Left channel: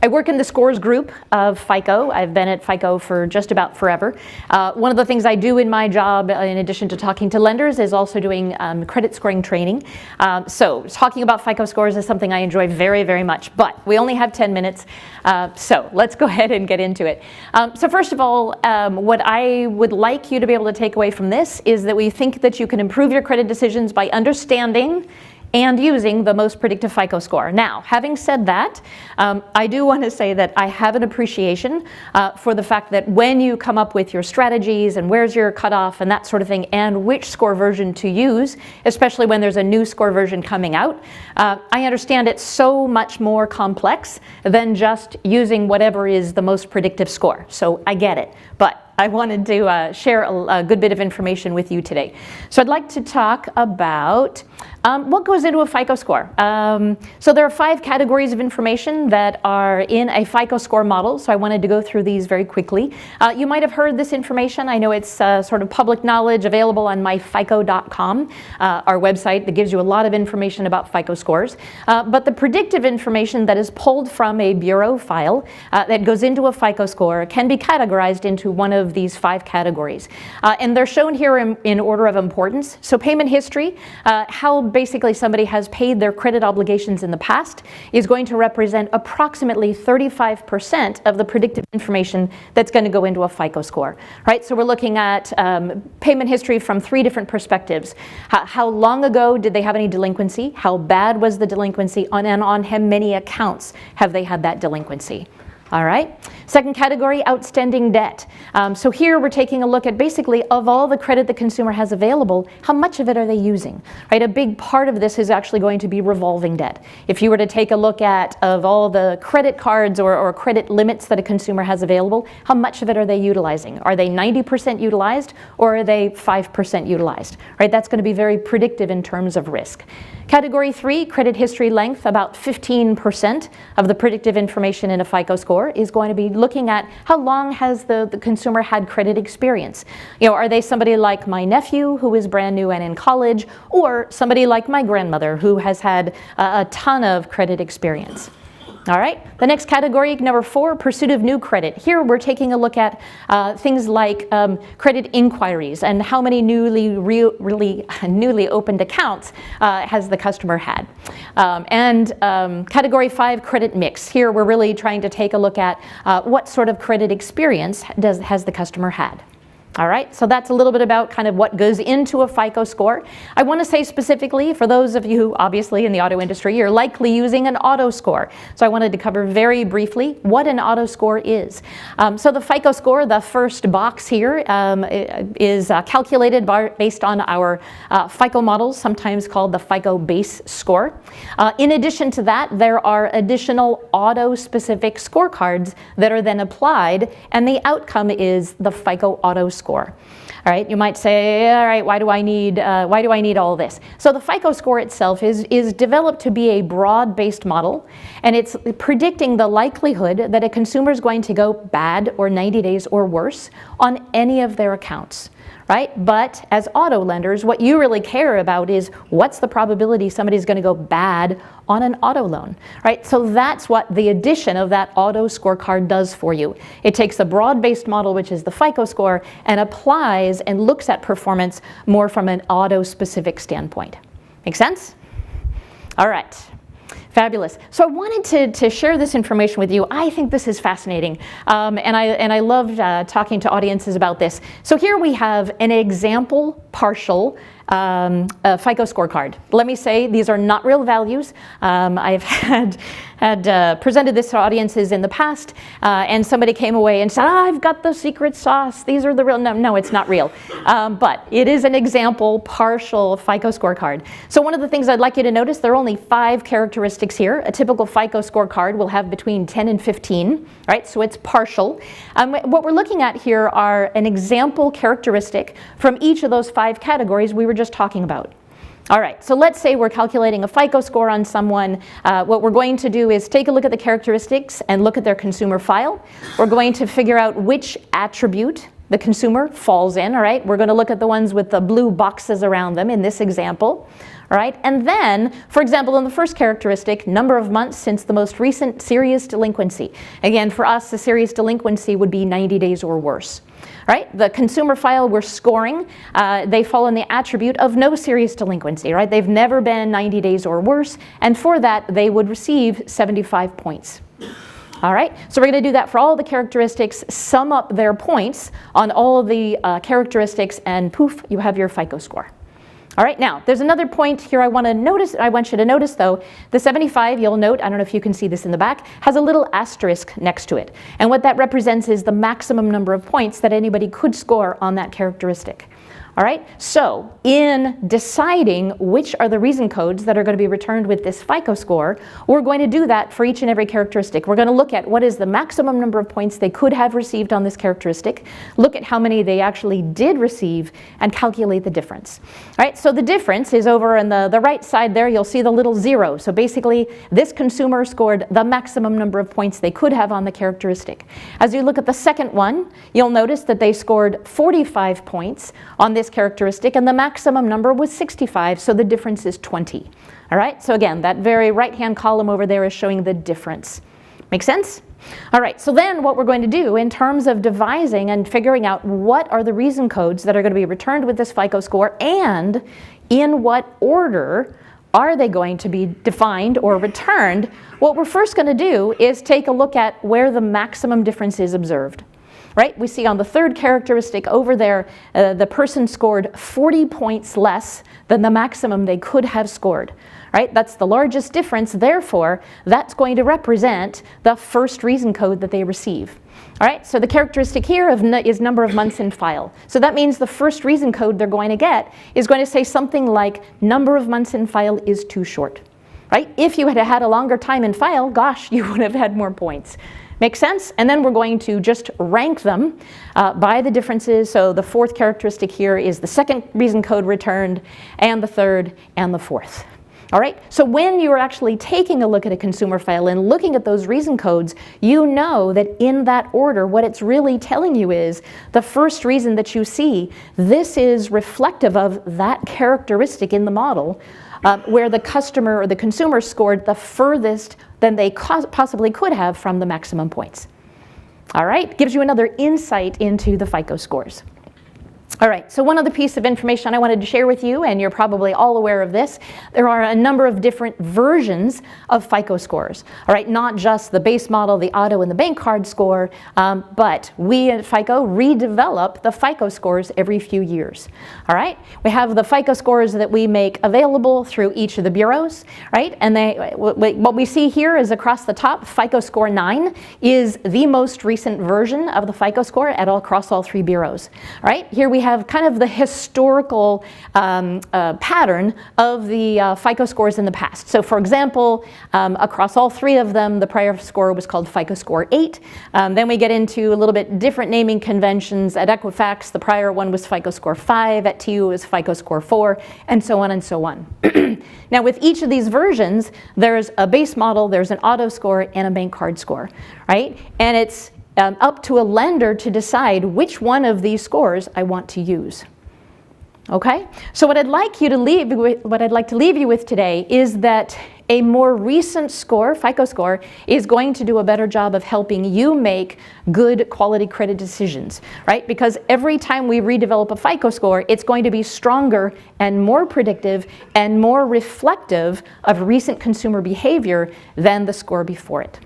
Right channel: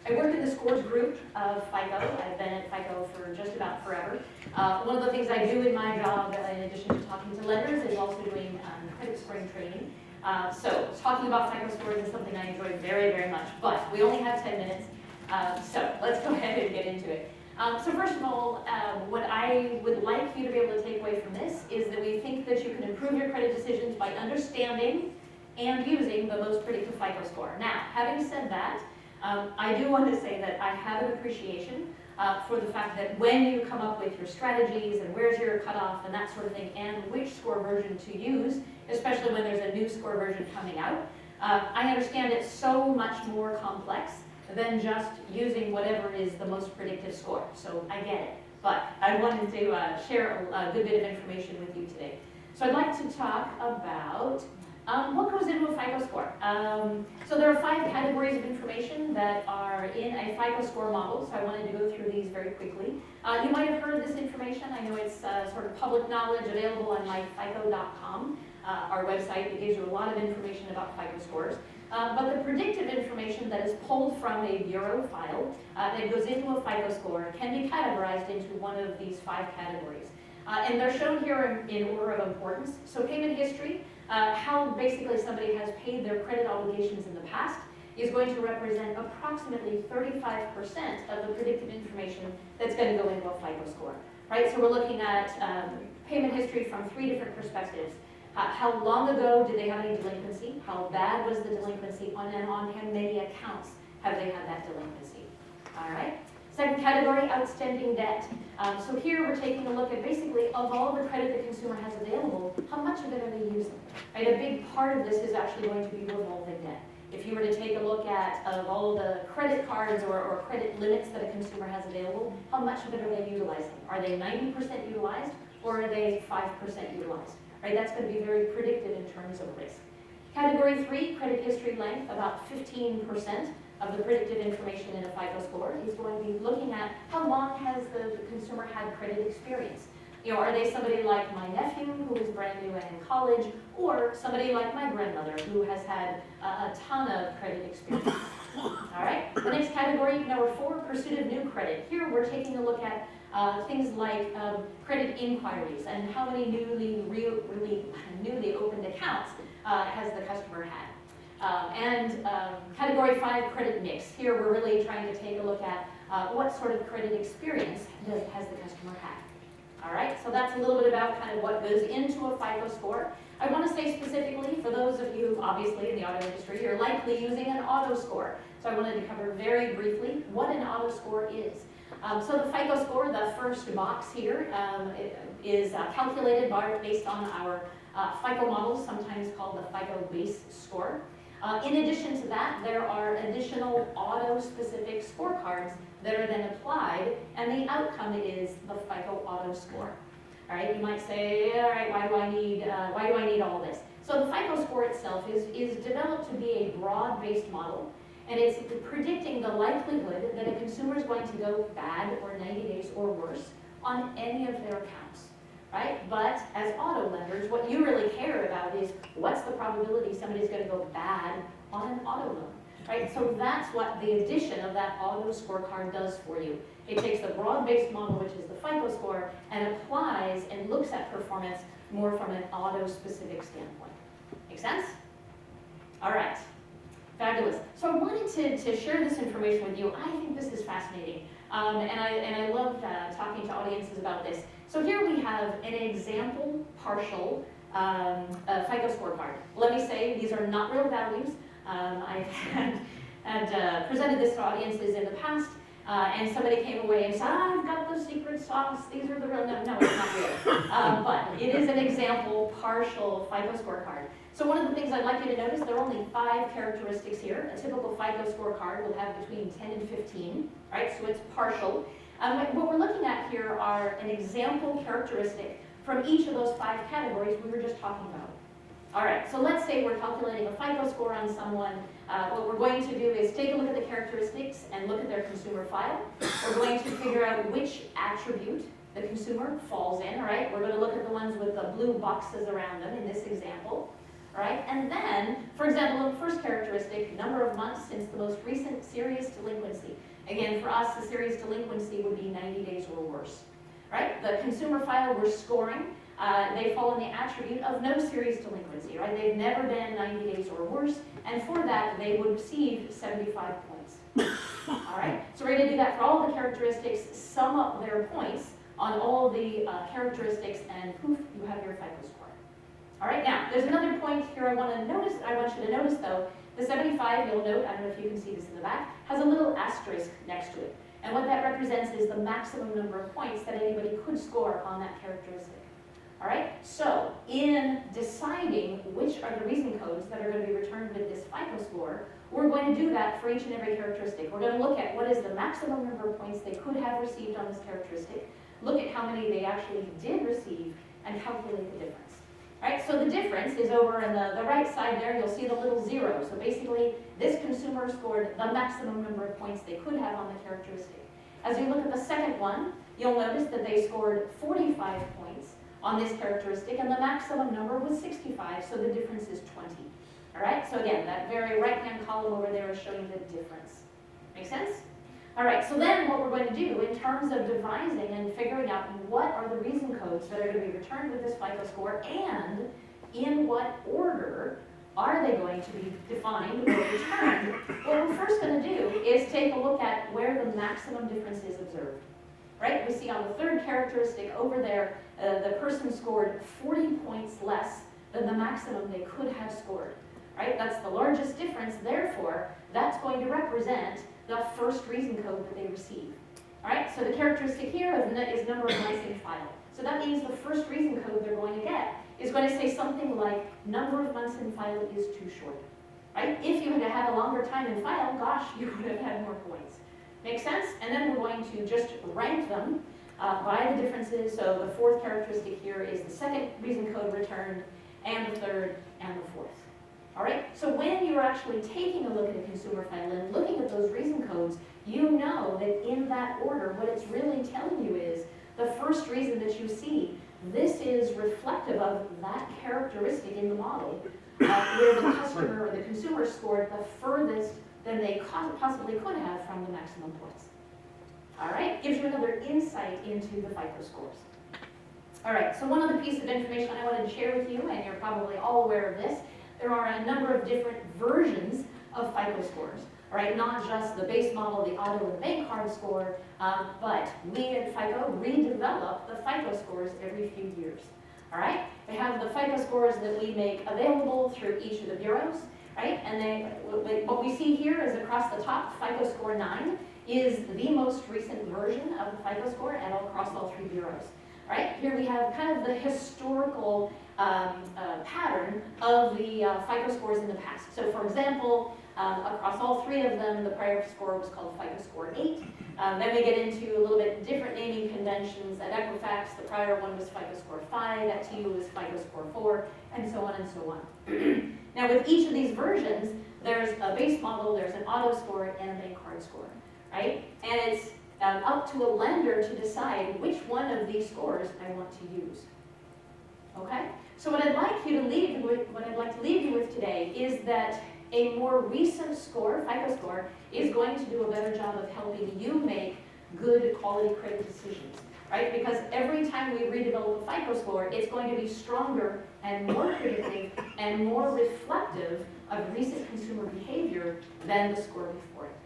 I work in the scores group of FICO. I've been at FICO for just about forever. One of the things I do in my job, in addition to talking to lenders, is also doing credit scoring training. So talking about FICO scores is something I enjoy very, very much, but we only have 10 minutes. So let's go ahead and get into it. So first of all, what I would like you to be able to take away from this is that we think that you can improve your credit decisions by understanding and using the most predictive FICO score. Now, having said that, I do want to say that I have an appreciation for the fact that when you come up with your strategies and where's your cutoff and that sort of thing and which score version to use, especially when there's a new score version coming out, I understand it's so much more complex than just using whatever is the most predictive score. So I get it. But I wanted to share a good bit of information with you today. So I'd like to talk about what goes into a FICO score. So there are 5 categories of information that are in a FICO score model, so I wanted to go through these very quickly. You might have heard this information. I know it's sort of public knowledge available on myfico.com, our website that gives you a lot of information about FICO scores. But the predictive information that is pulled from a bureau file that goes into a FICO score can be categorized into one of these 5 categories. And they're shown here in order of importance. So payment history, how basically somebody has paid their credit obligations in the past, is going to represent approximately 35% of the predictive information that's going to go into a FICO score, right? So we're looking at payment history from 3 different perspectives. How long ago did they have any delinquency? How bad was the delinquency? And on how many accounts have they had that delinquency? All right. Second category, outstanding debt. So here we're taking a look at basically of all the credit the consumer has available, how much of it are they using? Right? A big part of this is actually going to be revolving debt. If you were to take a look at of all the credit cards or credit limits that a consumer has available, how much of it are they utilizing? Are they 90% utilized or are they 5% utilized? Right? That's going to be very predictive in terms of risk. Category 3, credit history length, about 15% of the predictive information in a FICO score is going to be looking at how long has the consumer had credit experience. You know, are they somebody like my nephew who is brand new and in college, or somebody like my grandmother who has had a ton of credit experience? All right, the next category, number 4, pursuit of new credit. Here we're taking a look at things like credit inquiries and how many newly opened accounts has the customer had. Category 5, credit mix. Here we're really trying to take a look at what sort of credit experience has the customer had. All right, so that's a little bit about kind of what goes into a FICO score. I want to say specifically, for those of you who obviously in the auto industry, you're likely using an auto score. So I wanted to cover very briefly what an auto score is. So the FICO score, the first box here, is calculated based on our FICO models, sometimes called the FICO base score. In addition to that, there are additional auto-specific scorecards that are then applied, and the outcome is the FICO auto score. All right, you might say, all right, why do I need all this? So the FICO score itself is developed to be a broad-based model, and it's predicting the likelihood that a consumer is going to go bad or 90 days or worse on any of their accounts. Right? But as auto lenders, what you really care about is what's the probability somebody's going to go bad on an auto loan, right? So that's what the addition of that auto scorecard does for you. It takes a broad-based model, which is the FICO score, and applies and looks at performance more from an auto-specific standpoint. Make sense? All right. Fabulous. So I wanted to share this information with you. I think this is fascinating, and I love talking to audiences about this. So here we have an example partial FICO scorecard. Let me say these are not real values. I've had presented this to audiences in the past, and somebody came away and said, I've got the secret sauce. These are the real. No, it's not real. But it is an example partial FICO scorecard. So one of the things I'd like you to notice, there are only 5 characteristics here. A typical FICO scorecard will have between 10 and 15, right? So it's partial. What we're looking at here are an example characteristic from each of those 5 categories we were just talking about. All right, so let's say we're calculating a FICO score on someone. What we're going to do is take a look at the characteristics and look at their consumer file. We're going to figure out which attribute the consumer falls in, all right? We're going to look at the ones with the blue boxes around them in this example. All right, and then, for example, in the first characteristic, number of months since the most recent serious delinquency. Again, for us, the serious delinquency would be 90 days or worse. Right? The consumer file we're scoring, they fall in the attribute of no serious delinquency, right? They've never been 90 days or worse, and for that, they would receive 75 points. All right, so we're going to do that for all the characteristics, sum up their points on all of the characteristics, and poof, you have your FICO score. All right, now, there's another point here I want you to notice though. The 75, you'll note, I don't know if you can see this in the back, has a little asterisk next to it. And what that represents is the maximum number of points that anybody could score on that characteristic. All right, so in deciding which are the reason codes that are going to be returned with this FICO score, we're going to do that for each and every characteristic. We're going to look at what is the maximum number of points they could have received on this characteristic, look at how many they actually did receive, and calculate the difference. All right, so the difference is over on the right side there. You'll see the little 0. So basically, this consumer scored the maximum number of points they could have on the characteristic. As you look at the second one, you'll notice that they scored 45 points on this characteristic, and the maximum number was 65, so the difference is 20. All right, so again, that very right-hand column over there is showing the difference. Make sense? All right, so then what we're going to do in terms of devising and figuring out what are the reason codes that are going to be returned with this FICO score, and in what order are they going to be defined or returned, what we're first going to do is take a look at where the maximum difference is observed. Right? We see on the third characteristic over there, the person scored 40 points less than the maximum they could have scored. Right? That's the largest difference, therefore, that's going to represent the first reason code that they receive. All right, so the characteristic here is number of months in file. So that means the first reason code they're going to get is going to say something like number of months in file is too short. Right? If you had had a longer time in file, gosh, you would have had more points. Make sense? And then we're going to just rank them by the differences. So the fourth characteristic here is the second reason code returned, and the third, and the fourth. All right, so when you're actually taking a look at a consumer file and looking at those reason codes, you know that in that order, what it's really telling you is the first reason that you see, this is reflective of that characteristic in the model where the customer or the consumer scored the furthest than they possibly could have from the maximum points. All right, gives you another insight into the FICO scores. All right, so one other piece of information I wanted to share with you, and you're probably all aware of this, there are a number of different versions of FICO scores. All right, not just the base model, the auto, and the bank card score, but we at FICO redevelop the FICO scores every few years. All right, we have the FICO scores that we make available through each of the bureaus, right? And what we see here is across the top, FICO score 9 is the most recent version of the FICO score across all three bureaus. All right, here we have kind of the historical pattern of the FICO scores in the past. So for example, across all three of them, the prior score was called FICO score 8. Then we get into a little bit different naming conventions. At Equifax, the prior one was FICO score 5. At TU, it was FICO score 4, and so on and so on. Now with each of these versions, there's a base model, there's an auto score, and a bank card score, right? And it's up to a lender to decide which one of these scores I want to use. Okay? So what I'd like to leave you with today is that a more recent score, FICO score, is going to do a better job of helping you make good quality credit decisions, right? Because every time we redevelop a FICO score, it's going to be stronger and more predictive and more reflective of recent consumer behavior than the score before it.